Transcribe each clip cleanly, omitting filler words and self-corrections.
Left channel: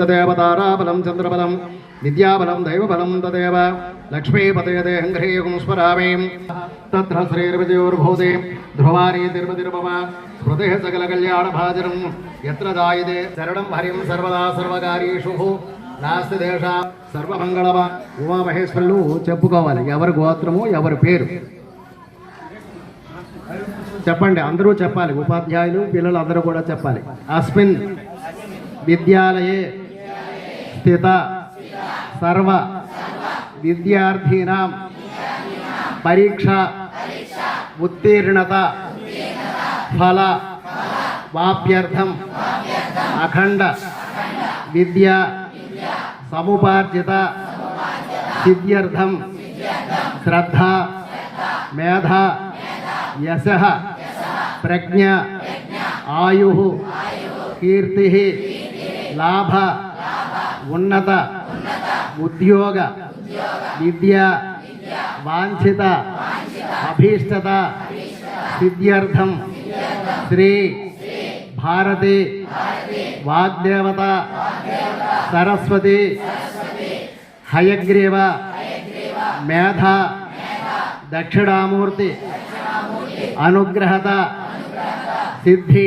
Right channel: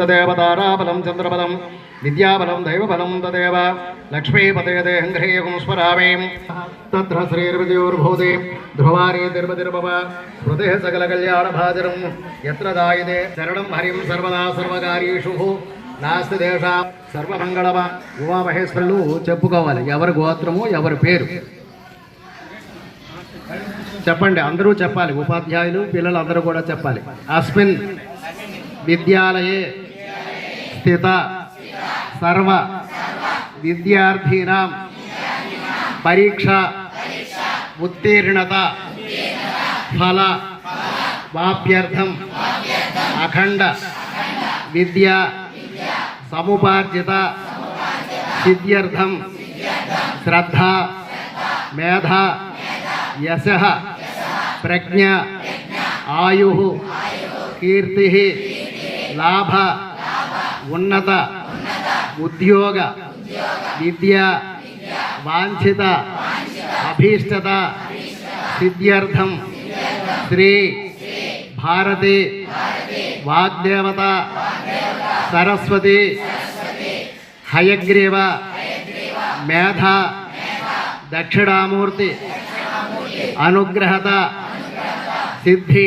तदेव ताराबलं चंद्रबलं विद्याबलं दैवबलं तदेव लक्ष्मीपतये हंघ्रेयं स्मरामि तत्र श्रीर्विजयोर्भूते ध्रुवारे तिरुपतिर्भव स्मृतिः सकलकल्याणभाजनं यत्र दायते शरणं हरिं सर्वदा सर्वकार्येषु नास्ति देशा సర్వమంగళమ ఉమామహేశ్వరులు చెప్పుకోవాలి ఎవరి గోత్రము ఎవరి పేరు చెప్పండి అందరూ చెప్పాలి ఉపాధ్యాయులు పిల్లలు అందరూ కూడా చెప్పాలి అస్మిన్ విద్యాలయే స్థిత సర్వ విద్యార్థినాం పరీక్ష ఉత్తీర్ణత ఫల వాప్యర్థం అఖండ విద్యా समुपार्जित सिद्ध्यर्थं श्रद्धा मेधा यशः प्रज्ञा आयुः कीर्तिः लाभ उन्नत उद्योग विद्या वांछित अभीष्टत सिद्ध्यर्थं श्री भारती वाग्देवता सरस्वती हयग्रीव मेधा दक्षिणामूर्ति अनुग्रहत सिद्धि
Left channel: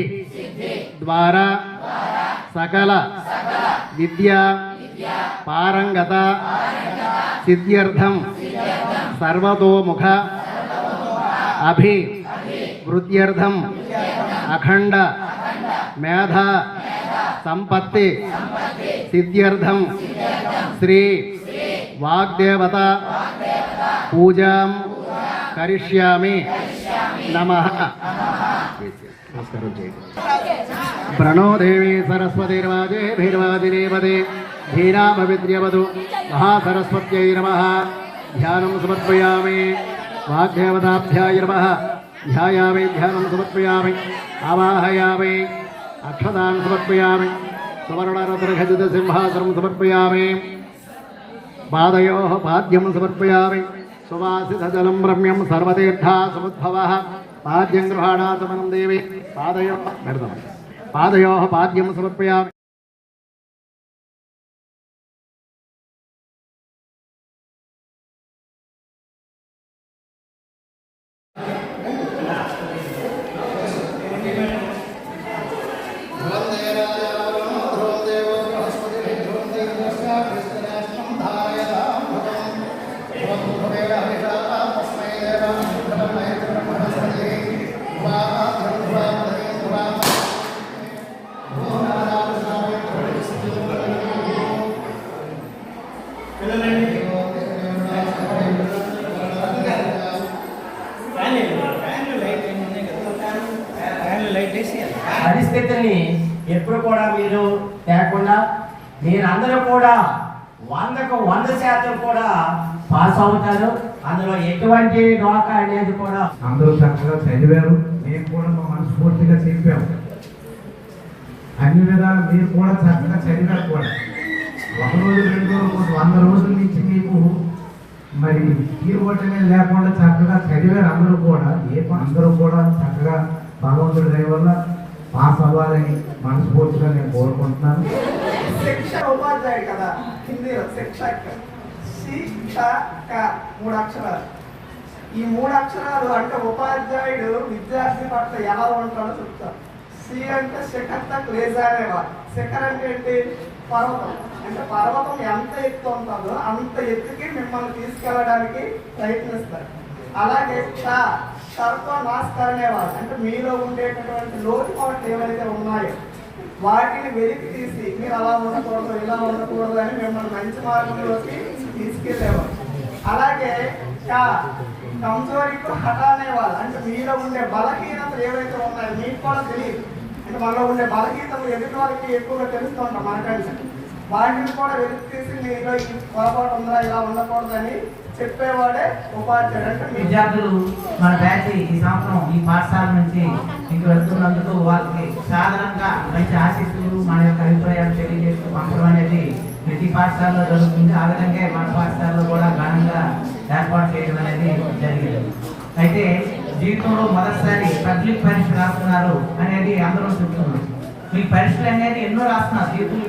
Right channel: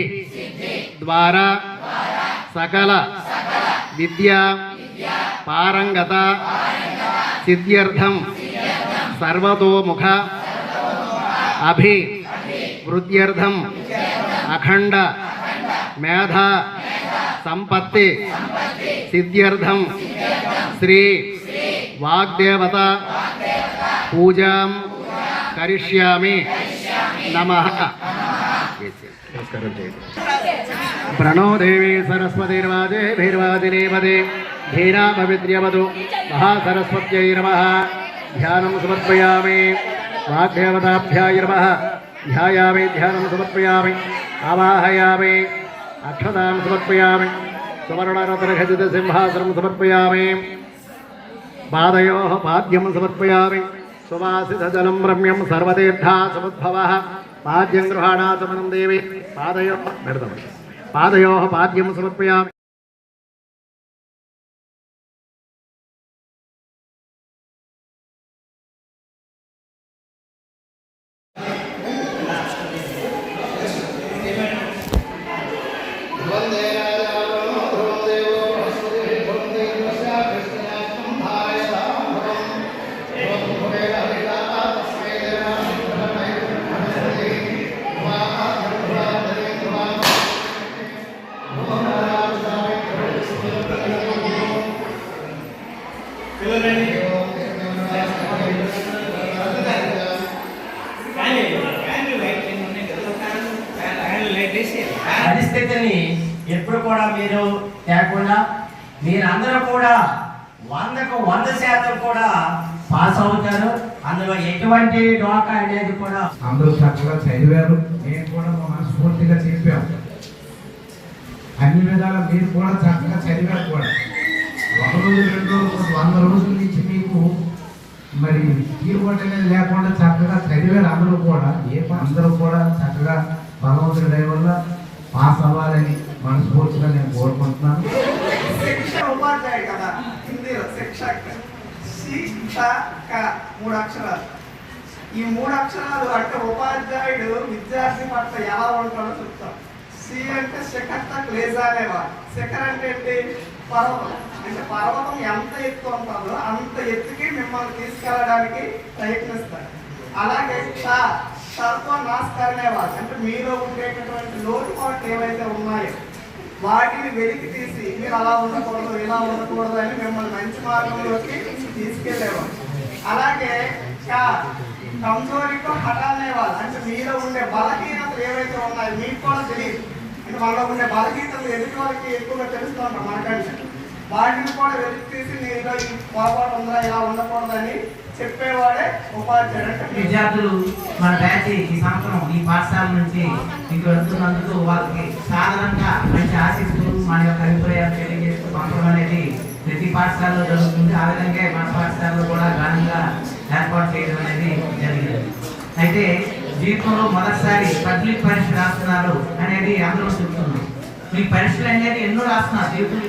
द्वारा सकल विद्या पारंगत सिद्ध्यर्थं सर्वतोमुख अभिवृद्ध्यर्थं अखंड मेधा संपत्ति सिद्ध्यर्थं श्री वाग्देवता पूजां करिष्यामि नमः। प्रणो देवी सरस्वतीर्वाजे भीर्वादिनीपदे धीरामविद्यवधु महासरस्वत्यै नमः। ध्यानं समर्पयामि वाग्देवताभ्याय नमः। ध्यायामि ध्यानं समर्पयामि आवाहयामि अक्षतां समर्पयामि सुवर्णरत्नखचित सिंहासनं समर्पयामि पादयोः पाद्यं समर्पयामि सुवासितजलं रम्यं सर्वतीर्थासमुद्भवः पाद्यं गृहाणातमनं देवी पादयोः पाद्यं समर्पयामि। పరిస్థితిని ఎప్పుడు కూడా మీరు లేకుండా మీరందరూ కూడా 100కు 100% కూడా పాస్ అవుతారు. అందులో ఎటువంటి డోకా అనేది కూడా అందరూ చక్కగా చదివారు. మేము కూడా మనస్ఫూర్తిగా చెప్పాము. అన్ని విధాలు మీరు కూడా చక్కగా చదివారు కూడా. 1 రోజు 2 రోజులు 100 రోజుల నుంచి మీకు మరి తీరుబట్టనే లేకుండా చక్కగా చదివారు అందరూ కూడా. అందరూ కూడా చక్కగా భగవంతుడి దయ వల్ల పాస్ అవ్వాలని మనస్ఫూర్తిగా నేను కోరుకుంటున్నాను. ఉపాధ్యాయుడు కదా హిందీలో శిక్షక్ శిక్షక 3 అక్షరాలు. ఈ 3 అక్షరాలు అంటే ఉపాధ్యాయుడు విద్యార్థి పట్ల ఎలా ఉంటాడో చెప్తాం. సి అంటే శిఖర్ తక్ లేజానేవా. శిఖర్ అంటే ఏంటి? పర్వతం. అంటే పర్వతం ఎంత ఎత్తు ఉంటుందో అంత ఎత్తుకి మిమ్మల్ని తీసుకెళ్ళడానికి ప్రయత్నిస్తారు. అలాగే సర్వ నాశకరణేవాళ్ళు అంటే మీలో ఉండేటటువంటి లోటుపాట్లు ఏవైతే ఉన్నాయో వాటిని వెలికి తీసి మీరు అలా ఉండకూడదు ఇలా ఉండకూడదు అని మిమ్మల్ని మంచి మార్గంలోకి తీసుకెళ్ళేవాళ్ళు. అలాగే కమజోరీతో హటానేవాళ్ళు అంటే మీలో ఉండే బలహీనతలు ఏవైతే ఉన్నాయో మీకు కూడా తెలియదు. అంటే మనలో ఉండే బలహీనతలు ఎదుటి వాళ్ళకి ఎక్కువగా తెలుస్తూ ఉంటాం మనకంటే. వాటిని కూడా వెలికి తీసి మీలో ఈ పొరపాటు ఉందా ఇలా ఉండకూడదని చెప్పేవాడే ఉపాధ్యాయుడు. అంటే విద్యార్థులు మన బ్యాచ్ ఈ సంవత్సరం ఈ పాఠశాల నుంచి ఇంక వెళ్తున్నందుకు వాళ్ళకి సాధారణంగా మంచి ఆశిస్తులు మన యొక్క అభిప్రాయాలు తెలియజేస్తూ పంపడం అనేది ప్రతి పాఠశాలలో జరుగుతుంది. ఆ విధంగా మన పాఠశాలలో కూడా ఘనంగా ఏర్పాటు చేయడం అనేది జరిగింది. అయితే జీవితంలో మొదటిసారి పబ్లిక్ పరీక్ష రాస్తున్నారు అనేది అందరూ చెప్తున్నారు. మీకు పరీక్షలు అనేది ఎన్నో రాస్తున్నారు జీవితం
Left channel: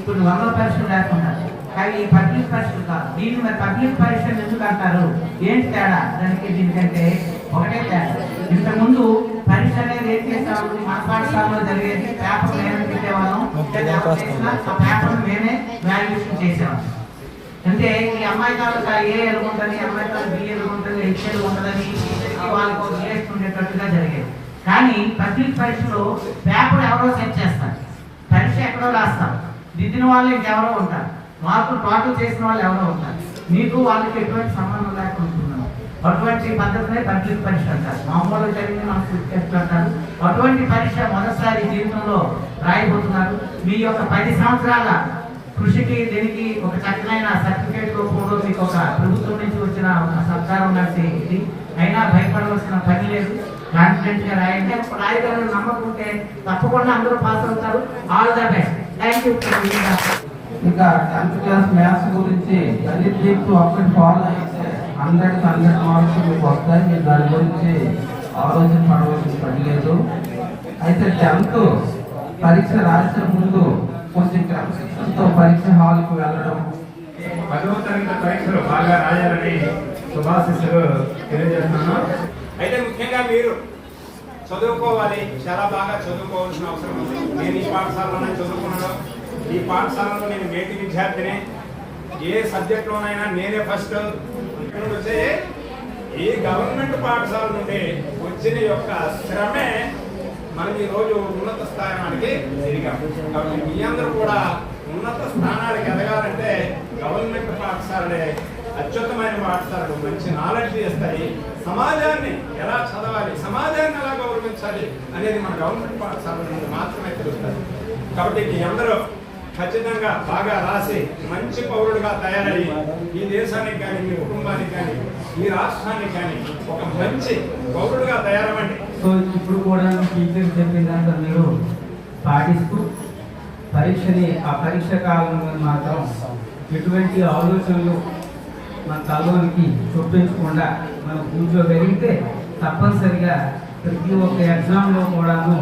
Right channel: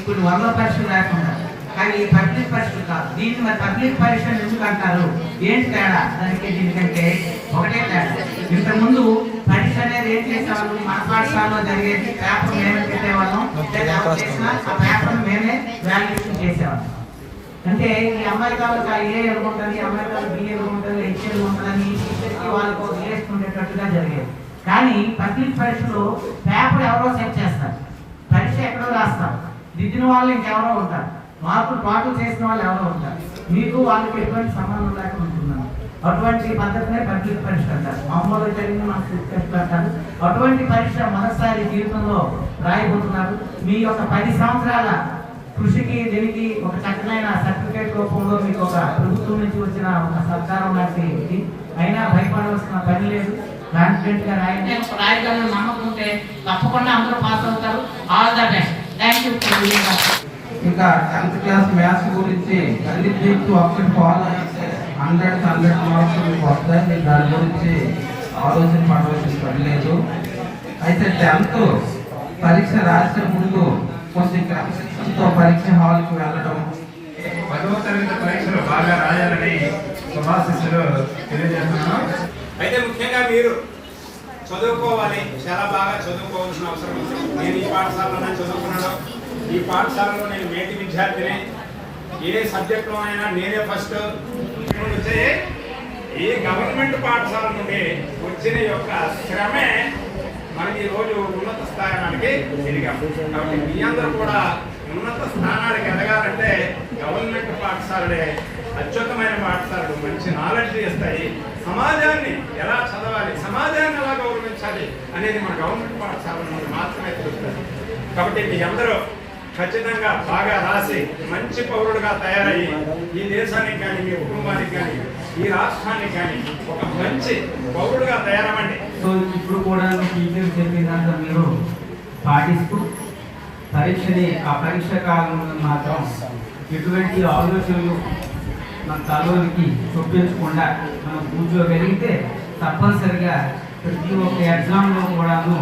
ఇప్పుడు వందల పరీక్షలు రాకుండా, కానీ ఈ పబ్లిక్ పరీక్షలు కాదు. దీన్ని మరి పబ్లిక్ పరీక్షలు ఎందుకు అంటారు? ఏంటి తేడా దానికి దీనికంటే? ఒకటే తేడా, ఇంతకుముందు పరీక్ష అనేది ఏం చేసాము, మన పాఠశాలలో జరిగేది పేపర్ మేమే పెట్టేవాళ్ళం, ఆ పేపర్ మేమే వాల్యుయేషన్ చేసేవాళ్ళం. అంటే ఈ అమ్మాయి కావాలి ఏ ఎదుర్కొంటుంది, అమ్మాయి కావాలి బి ఎదుర్కొంటుంది, హెచ్ ఎదుర్కొంటుందని వాళ్ళకు రిలేషన్ ఉండేటట్టుగా జరిగేది. కానీ పబ్లిక్ పరీక్షలో పేపర్ ఎవరో సెట్ చేస్తారు, పరీక్ష ఎక్కడో రాస్తారు, దిద్దిన వాళ్ళు ఇంకెవరో ఉంటారు, మార్కులు టోటల్ చేసిన వాళ్ళు ఎవరో ఉంటారు, మీకు వాళ్ళకి ఎటువంటి సంబంధం లేకుండా ఉంటున్నాను. అటువంటి పద్ధతినే పబ్లిక్ పరీక్ష అంటారు. మామూలుగా జరిగింది మనకు టెస్ట్ అంటారు. అటువంటి పరీక్ష మొదటిసారి జీవితంలో రాయబోతున్నారు. మీ యొక్క 10 సంవత్సరాల కృషికి దీనికి ఒక చక్కనైన సర్టిఫికేట్ రూపంలో మీకు ఒక ప్రభుత్వం నుంచి వచ్చిన ఒక సత్కారం లాంటి ఇది. అయినా భయపడవలసిన పని లేదు, కాన్ఫిడెంట్ గా రాయండి. రాయగలను నమ్మకం ఉంటే తప్పకుండా అందరూ పాస్ అవుతారు. All the best. Thank you. ఇంకా 10th క్లాస్ మ్యాథ్స్ గురించి అన్నిటితో ఒకటి ఫాలో అయితే 100 మార్క్స్ మీకు వస్తాయి. మీరు దాని గురించి ఆలోచన పడవలసిన పని లేదు. అయితే 10th పరీక్ష రాసే ముందు కొంచెం క్రమశిక్షణతో పరీక్ష హాల్కి వెళ్ళడం, 10వ తరగతి పరీక్షలు బాగా రాయాలని శుభాశిస్సులు తెలియజేస్తున్నాను. అయితే ముఖ్యంగా మీరు చదువుకోవాలి, చాలా బాగా చదువుకోవాల్సిన అవసరం ఉంది. నేను ఈ పాఠశాలలోనే చదువుకున్నాను. ఈ పాఠశాలలో నేను మేటి విద్యార్థిని. ఏ సబ్జెక్టులోనైనా నేనే ఫస్ట్. వచ్చే ఈ గవర్నమెంట్ పాఠశాల నుండి వచ్చిన యొక్క శ్రమే మనకి ఈరోజు ఉన్నత స్థానానికి ఎదిగాము. కాబట్టి మీ అందరూ కూడా ఉన్నత స్థానానికి ఎదగాలంటే గవర్నమెంట్ పాఠశాలలే అత్యుత్తమైన పాఠశాలలు, మంచి నాలెడ్జ్ ఇస్తాయి. సమాజాన్ని ఎలా చదవాలి, సమాజాన్ని ఎలా గౌరవించాలి అనేది మన గవర్నమెంట్ పాఠశాల నుండి మాత్రమే తెలుస్తుంది. కాబట్టి మీ అందరూ ఖచ్చితంగా బాగా రాసి మంచి పౌరుడుగా తయారయ్యి ఈ దేశానికి కానీ, మీ కుటుంబానికి కానీ, ఈ రాష్ట్రానికి కానీ ఒక మంచి పౌరుడుగా తయారవ్వండి. సో ఇప్పుడు కూడా టీచర్ చెప్పిందంతా మీరు పాటిస్తూ ఆ పరీక్ష కాలంలో మాత్రం ఎటువంటి ఆలోచనలు మన తలోనికి చూపించకుండా మనం కూర్చోగలిగితే తప్పనిసరిగా ప్రతి ఒక్క ఎగ్జామ్లో కూడాను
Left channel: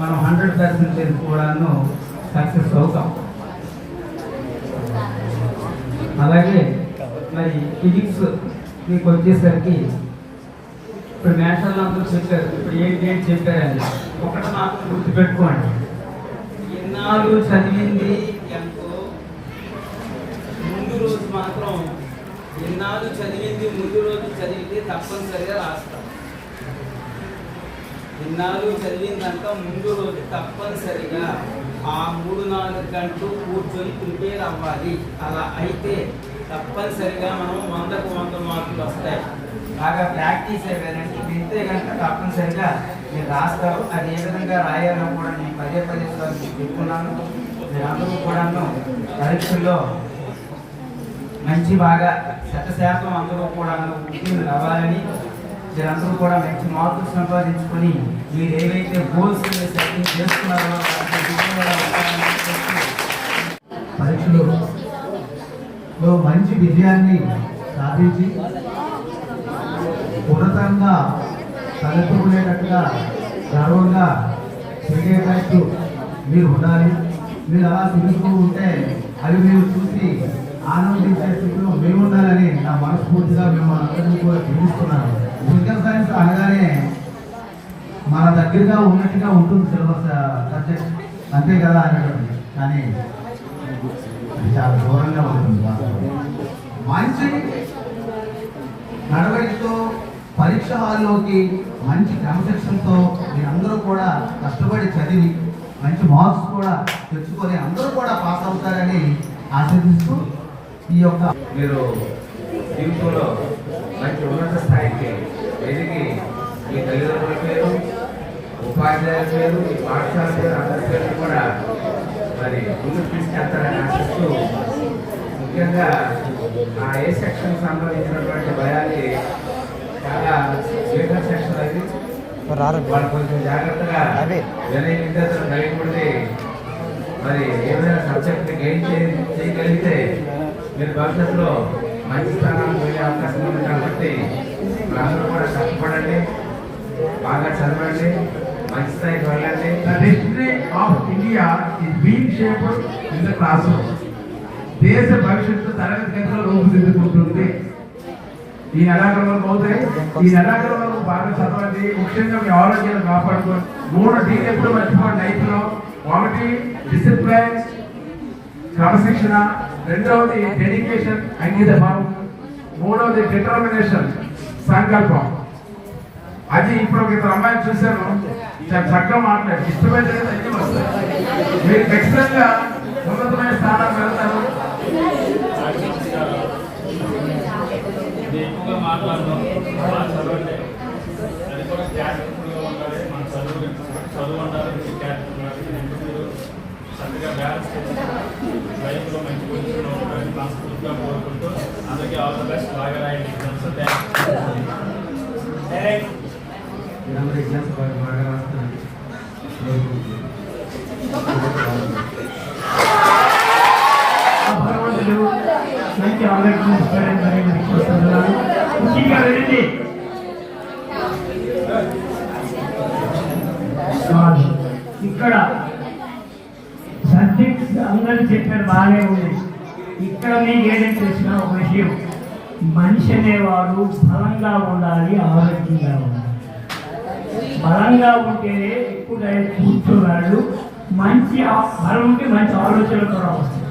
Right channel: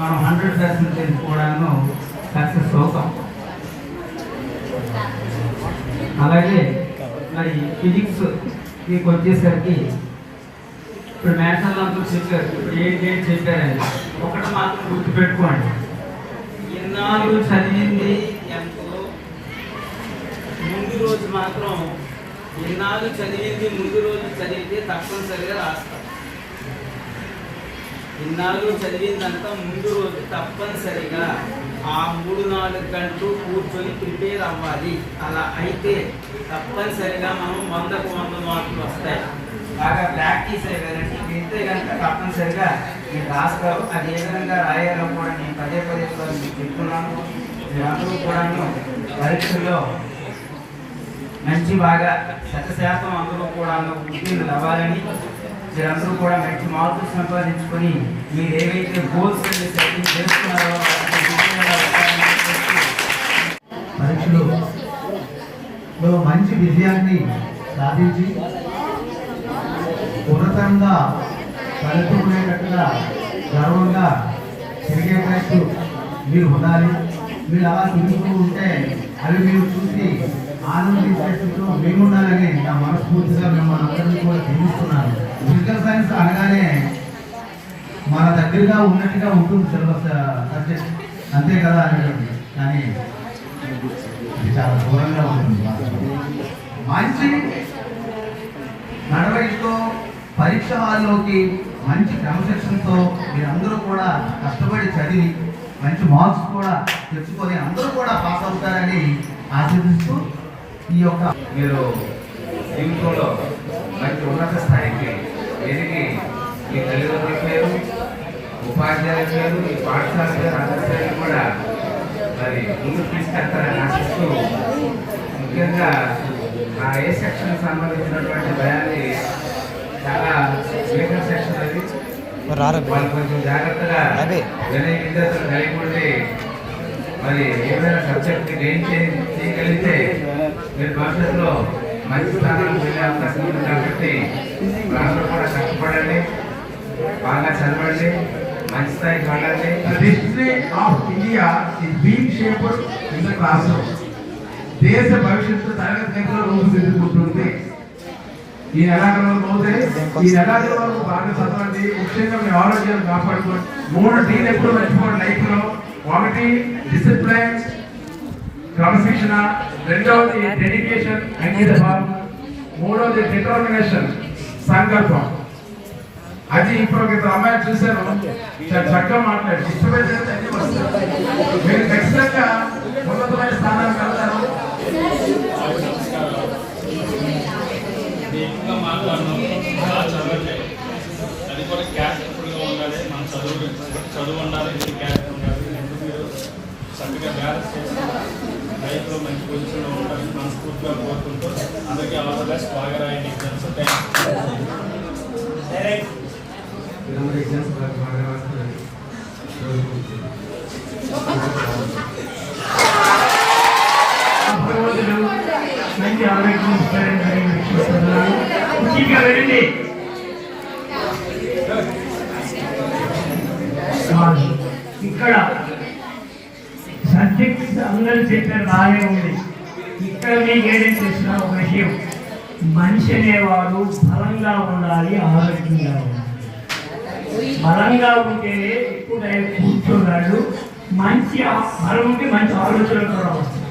మనం 100% కూడాను సక్సెస్ అవుతాం. అలాగే మరి ఫిజిక్స్ మీకు వచ్చేసరికి ఇప్పుడు మ్యాథ్స్ అందరూ చెప్పారు, ఇప్పుడు ఏంటి చెప్పారని ఒకటి మాత్రం గుర్తుపెట్టుకోండి. ఎన్నాళ్ళు చదివింది ఎంతో, ముందు రోజు మాత్రం ఎన్నాళ్ళు చదివింది ముందు రోజు చదివితే తప్పనిసరిగా రాస్తాం. ఇన్నాళ్ళు చదివిందంతా ముందు రోజు తప్పనిసరిగా ఆ 3-4 గంటలు కూర్చొని ప్రిపేర్ అవ్వాలి. అలా అయితే తప్పనిసరిగా మనం 100కు 100 మార్కులు వస్తాయి. బాగా ప్రాక్టీస్ అయ్యారంటే వింటే కనుక తప్పనిసరిగా మీరు రాస్తారు. అది ఏ విధంగా రాయాలో కూడా నేను పదే చెప్పుకున్నాను. మీరందరూ కూడాను పరీక్షల్లో మంచి బాగా 100% అందరూ కూడాను ఉత్తీర్ణులు అవ్వాలని, మీరందరూ కూడా మంచి మార్కులు సంపాదించుకొని మీరు ఏవైతే గోల్స్ సెట్టింగ్ చేస్తున్నారో పరీక్షలో మంచి విజయాన్ని సాధించి ఉన్నతంగా తలెత్తుకునేటట్టుగా గర్వంగా తిరిగేటట్టు మీరు ఉండాలి. మీరు అలా తిరుగుతూ ఉంటే అవి మీరు చూసి ఆనందించేటట్టు మేము ఉండాలని నా మనస్ఫూర్తిగా మిమ్మల్ని అందరినీ కూడా దీవిస్తున్నాను. ఫిజికల్ సైన్స్ అనగానే మన దగ్గరగా ఉన్నట్టుగా ఉంటుంది సిలబస్ సబ్జెక్ట్, అంతే కదా అనేటువంటి, కానీ ఇది చాలా దూరంగా ఉంటుంది. మంచి నడవడితో పరీక్ష హాల్లోకి మంచి క్రమశిక్షణతో మీరందరూ కూడా కష్టపడి చదివి మంచి మార్క్స్ కూడా తెచ్చుకొని అందరూ కూడా పాస్ అవుతారని ఆశిస్తూ ఈ యొక్క మీరు జీవితంలో మంచి ఉన్నత స్థాయికి ఎదిగి ఈ తల్లిదండ్రుల పేరు, ఉపాధ్యాయుల పేరు, ఈ పాఠశాల పేరు అందరి పేరు కూడా మరి ముందుకు తీసుకెళ్తారని ఆశిస్తూ, ముఖ్యంగా ఆ ఏ సెక్షన్ సంబంధించినటువంటి భయాన్ని చాలా వేగం సెక్షన్ అది వాళ్ళు కొంచెం జాగ్రత్తగా వినయ విద్యార్థులు కలిగి ఉండి మరి ఏమైనా సబ్జెక్ట్ని గెయిన్ చేయగలిగితే మీరు భవిష్యత్తులో మంచి స్థానానికి వెళ్ళే అవకాశం ఉంది. కాబట్టి అందరూ కూడా కష్టపడండి, బాగా చదవండి, మంచి స్థాయికి వెళ్ళండి. The destiny of India is being shaped in the classroom. దేశ భవిష్యత్తు తరగతి గదిలో రూపుదిద్దుకుంటుంది. ఈ నెలాఖరులో పోతే ఈ నెలాఖరులో బాగా చదవండి. ముఖ్యంగా మీ ఆరోగ్యాన్ని కాపాడుకోండి. 3 Dలు ఎప్పుడు మర్చిపోండి లైఫ్ లో. 1 డిసిప్లైన్, క్రమశిక్షణ, 2వది డెడికేషన్, అంకిత భావం, 3వది డిటర్మినేషన్, సంకల్పం. అది ఇప్పుడు ఒక అమ్మాయిని చూశాను, చాలా చక్కగా మాట్లాడి ఇష్టమైతే అన్ని వస్తాయి. మీరు ఖచ్చితంగా ఉన్నతమైన స్థానానికి వెళ్తారు. ఎక్కువగా మాట్లాడడం బాగా చదవట్లేదు. అది కూడా క్యారెక్టర్ఫుల్గా ఉండాలి. మన చదువు ఉండాలి, క్యారెక్టర్ ఉండాలి. రెండు మీరు చక్కగా బ్యాలెన్స్ చేసి లైఫ్లో మంచి పొజిషన్లో ఉంటారని మనస్ఫూర్తిగా కోరుకుంటూ అందరికీ ఆల్ ద బెస్ట్. బాగా రాయండి ఎగ్జామ్స్. మీరందరూ ఎగ్జామ్స్ బాగా రాస్తారు. భగవంతుడు మంచి ఆరోగ్యం ఇస్తారని చూస్తున్నాను. ముఖ్యంగా వెళ్ళండి. ఇక్కడ సబ్జెక్ట్స్ అందరూ చెప్పారు, బాగానే ఉంది. ఇక్కడ మీకు ఏదైతే తెలిసిన ఒక విషయం, మనిషి అనేవాడు బలంగా ఉండాలి, ఆరోగ్యంగా ఉండాలి. బలంగా ఉంటేనే ఎక్కువ కూర్చోరాడు. మంచి బలం ఉంటే మంచి ఆలోచనలు కూడా వస్తాయి.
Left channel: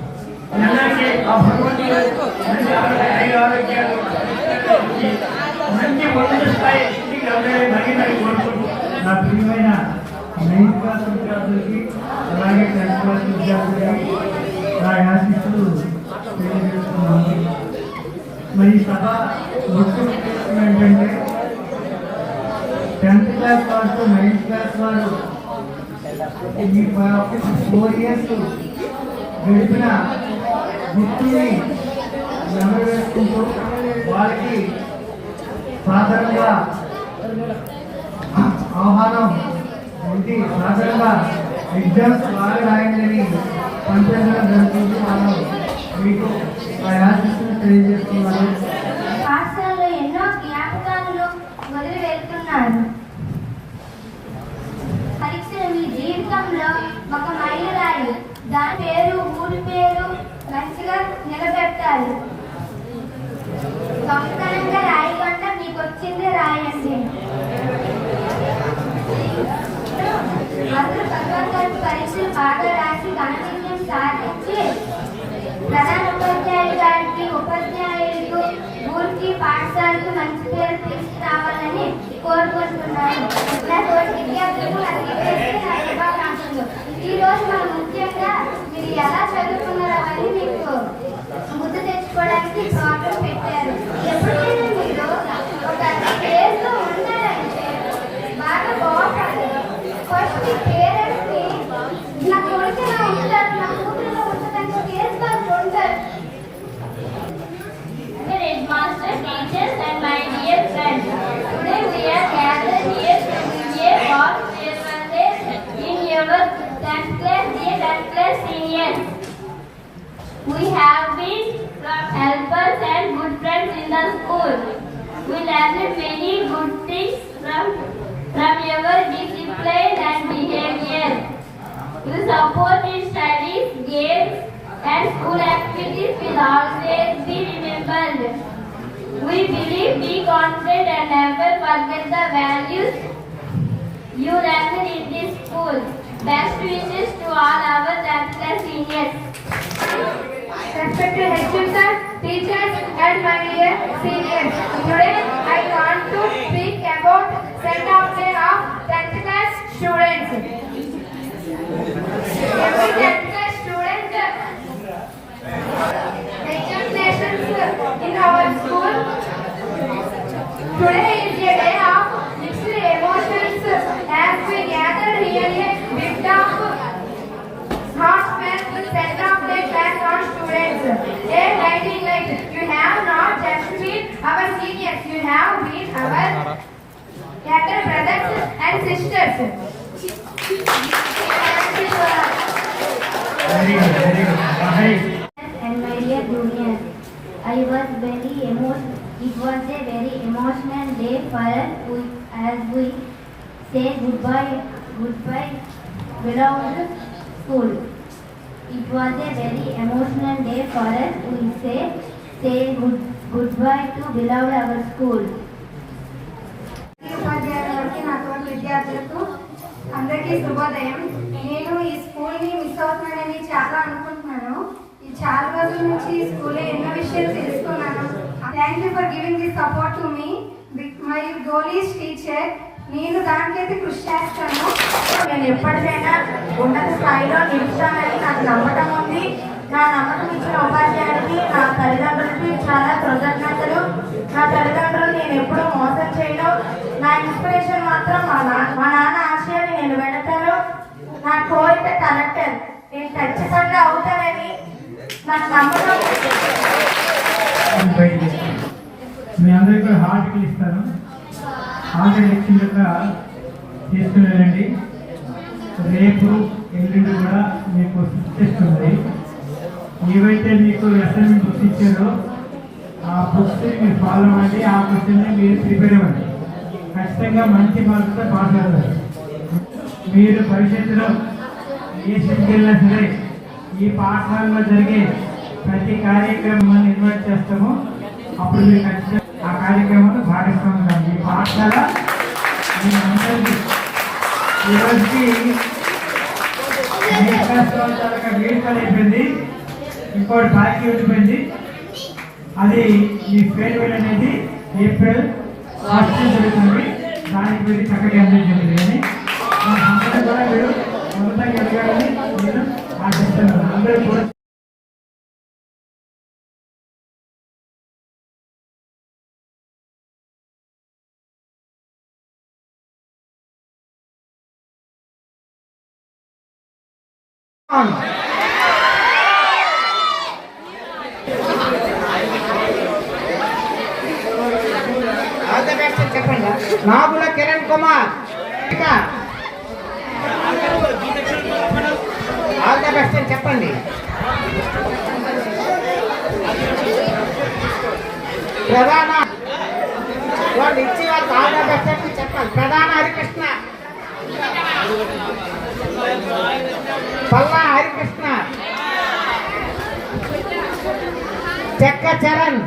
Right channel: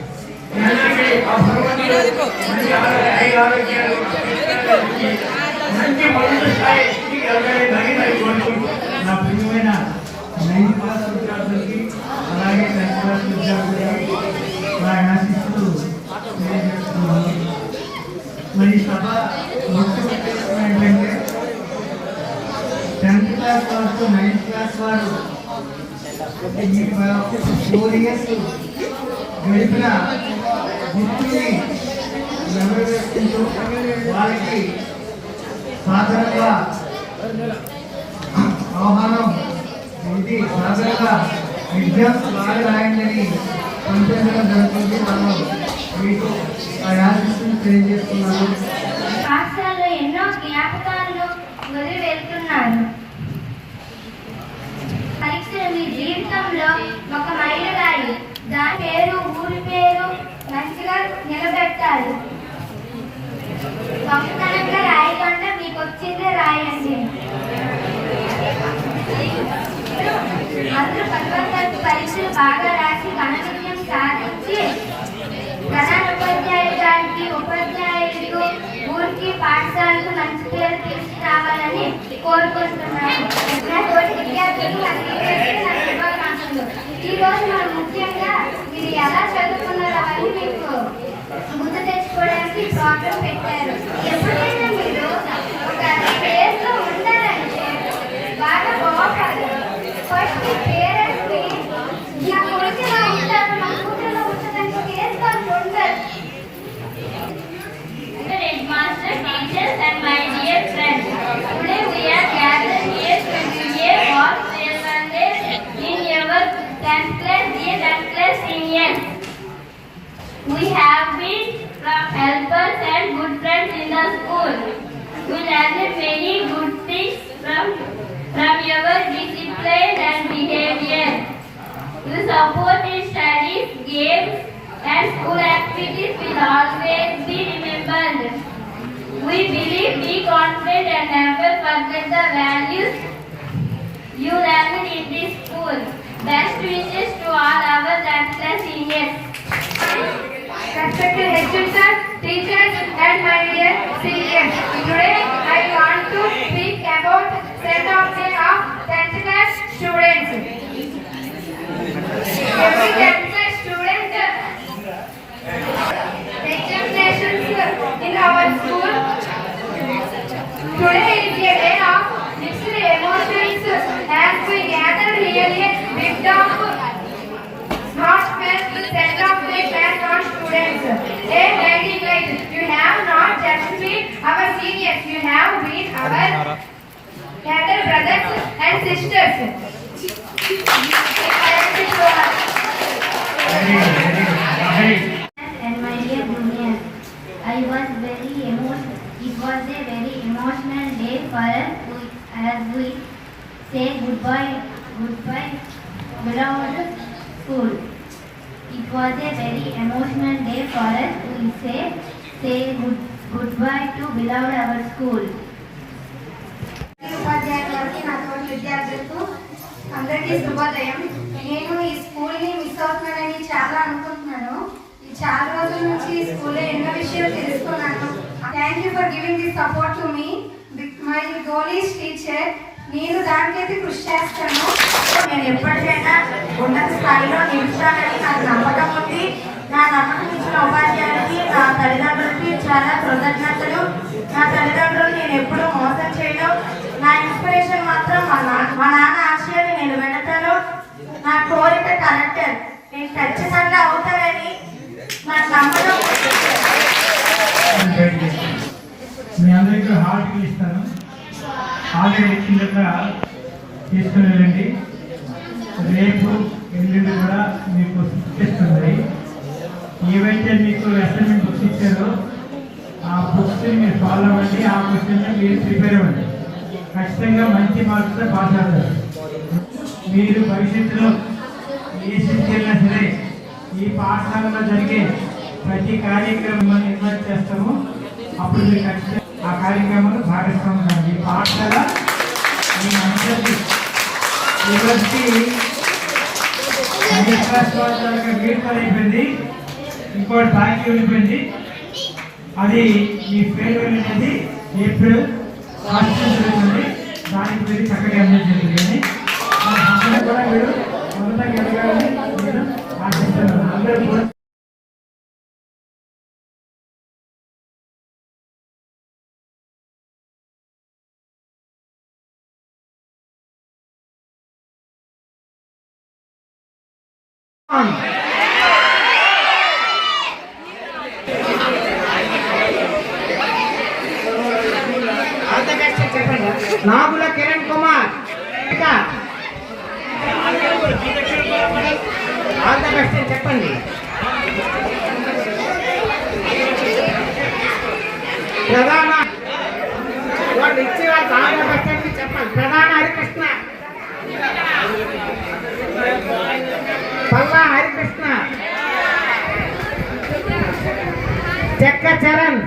మంచి మొదటి స్థాయి నా ప్రియమైన 9th క్లాస్ విద్యార్థులకి, అలాగే 10th క్లాస్ విద్యార్థులకి నా ఆశీస్సులు తెలియజేస్తున్నాను. మరి సభ మొత్తం ఏంటంటే 10th క్లాస్ వారు 9th క్లాస్ వారు ఈ 4 years గడిపిన వృత్తిని నెరవేర్చుకుంటూ వారికి సాధారణంగా ఆహ్వానం ఇది సాధారణంగా ఎగ్జామ్స్ బాగా రాయండి పంపించడం జరుగుతుంది. మనం మీకు ఆశీస్సులు తెలియజేస్తున్నాను. పాఠశాలలో ఎన్నో జ్ఞాపకాలను వదిలి వెళ్తున్నారు. పరీక్షలు మీ జీవితంలో ఒక మైలురాయి. దాని పేరు, ఊరి పేరు మంచిగా నిలబెట్టాలి. గొప్పతనంగా రాయకుండా మీకు వచ్చిందే రాయండి. అందరూ 10వ తరగతి పరీక్షలు బాగా రాసి ఘన విజయం సాధించి ప్రధాన ఉపాధ్యాయులు గారికి, ఉపాధ్యాయులకు, ఊరికి, పాఠశాలకు మంచి పేరు తీసుకురావాలని కోరుకుంటున్నాను. నా తోటి విద్యార్థులు అందరికీ నా శుభాకాంక్షలు. ఈరోజు మనం ముఖ్యంగా మీరు ఎలా చదువుకున్నారో అవన్నీ మీకు గుర్తు తెచ్చుకోవడానికి ప్రోగ్రాం పెట్టారు. ఎప్పుడైనా మీరు ఒక ప్లేస్లో ఉండాలంటే బాగా బాగుపడాలి. ఫస్ట్ మీ పేరెంట్స్ని నా కొడుకులో ఉంటారు, నా కూతురులో ఉంటుందని ప్లేస్ వాళ్ళు ఉంటారు. Headmaster, teachers and my dear friends, today we are gathered here to give a warm welcome in your 10th class, dear 10th class seniors. We have been helpers and good friends in the school. We learned many good things from your discipline and behavior. Your support in studies, games and school activities will always be remembered. We believe, be confident and never forget the values you learned in this school. Best wishes to all our 10th class seniors. Respected head teachers and my dear seniors, today I want to speak about send-off day of 10th class students. Every 10th class student examinations in our school. Today is a day of mixed emotions as we gather here a bit of heartfelt send-off day plans on students. A guiding light. You have not just been our seniors, you have been our elder brothers and sisters. Thank you so much. And my dear juniors, it was a very emotional day for us as we say goodbye goodbye, beloved school. It was a very emotional day for us to say goodbye to beloved our school. ఉపాధ్యాయుల వరకు నా తోటి విద్యార్థులకు అందరికీ శుభోదయం. నేను ఈ స్కూల్ని మిస్ అవుతున్నానని చాలా అనుకుంటున్నాను. ఈ చాలా రోజుల నుంచి ఈ స్కూల్లో ఎన్నో విషయాలు తెలుసుకున్నాను. Thank you for giving this support to me. My goal is teacher. నేను దానికైతే కృషి చేస్తాను. నేను ఎప్పటికైనా ఉన్నత స్థాయిలో నిలుస్తానని నాకు నమ్మకం ఉంది. నా నమ్మకం ఇచ్చిన ఉపాధ్యాయులకి, నా తల్లిదండ్రులకి చాలా కృతజ్ఞతలు. నా తల్లిదండ్రులు నేను ఎప్పుడూ మోసం చేయను. నా ఇన్స్పిరేషన్ మాత్రం మా నాన్న ఆశయాన్ని నేను వెళతాను. నా కోరిక కలెక్టర్. నేను ఖచ్చితంగా అవుతానని నాకు నమ్మకం. మీ అందరికీ హార్ట్ ఇస్తాను. హార్ట్ ఇచ్చిన తీసుకుని వెళ్ళండి. రేపు ఎల్లుండి కూడా మీకు ఇస్తుంది. ఏవైతే మీకు అసైన్మెంట్ బుక్స్ ఇచ్చారో ఆ బుక్స్ని మీరు ఫాలో అవ్వండి. ఆ క్వశ్చన్ని మీరు ప్రిపేర్ అవ్వండి. ఖచ్చితంగా మంచి మార్క్స్తో పాస్ అవుతారు. మీరు భవిష్యత్తులో ఏ స్థితికి వెళ్ళినా సరే ఈ పాఠశాలలో జరిగే ప్రతి కార్యక్రమాన్ని ఇన్వైట్ చేస్తాము. అప్పుడు మీరు ఖచ్చితంగా ఆ కార్యక్రమంలో భాగస్వామ్యం. ఈ పాఠశాల మీ అందరికీ ఈ రోజుకి వేడుకలు అయిపోయింది. ఇంకోటి బాకీ వెళ్ళిపోయింది. అది ఈ ఫేర్వెల్ అనేది ఏప్రిల్ ఫస్ట్ జరుగుతుంది. దానికి మీరు చక్కగా ఎంజాయ్ చేయాలి అని మన సంస్థ కూడా మీరు ఉన్నతంగా ఎదగాలని నేను ఆశిస్తున్నాను. అందరూ కూడా Nagula Kiran Kumar all the best అని చెప్పండి. ప్రధాన వాళ్ళు ఇచ్చి వాళ్ళకి ఆల్ ద బెస్ట్ అని చెప్పాలి. ప్రధాన హరికృష్ణ, పల్లా హరికృష్ణ, చెక్క చరణ్,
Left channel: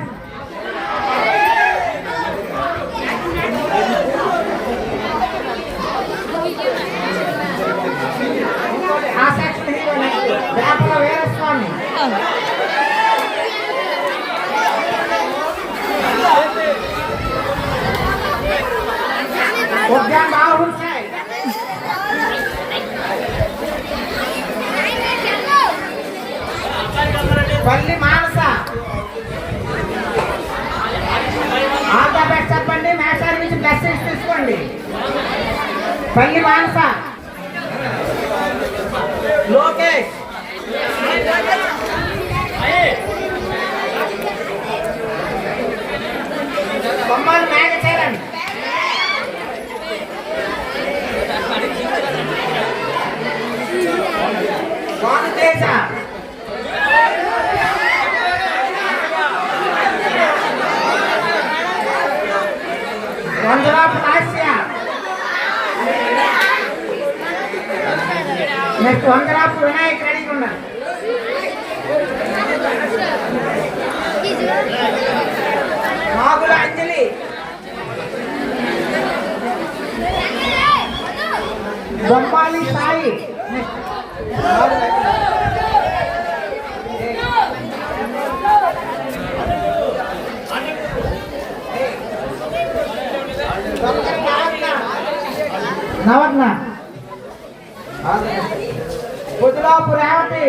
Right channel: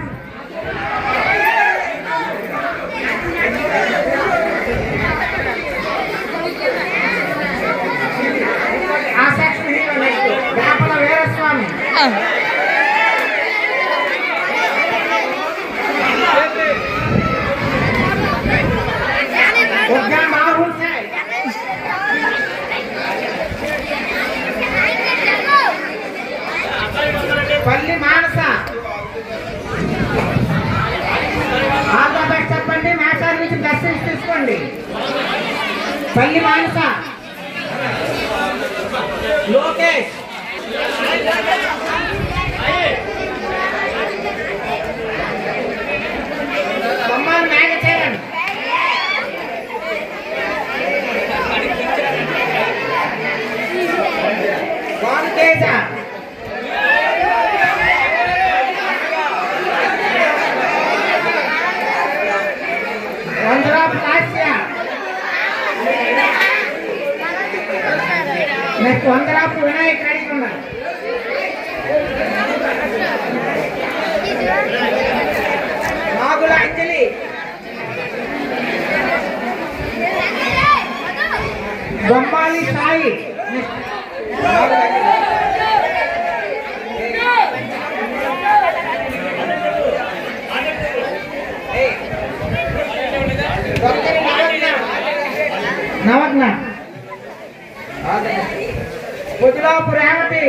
వేపల వీరస్వామి, రాహుల్ సాయ్, పల్లి మానస. ఆంధ్రప్రదేశ్ చెప్పండి. మేషారి నుంచి మెసేజ్ తీసుకోండి. పల్లి మానస, లోకేష్, బొమ్మల మేఘచరణ్, భానుతేజ, వందరాపు లాస్య, నెక్స్ట్ వందరాపు వినాయక్ రెడీ ఉన్నారు. నాగుల అంజలి, బొమ్మాలి సాయి, నవజ్ఞ, పొద్దులాపు రేవతి.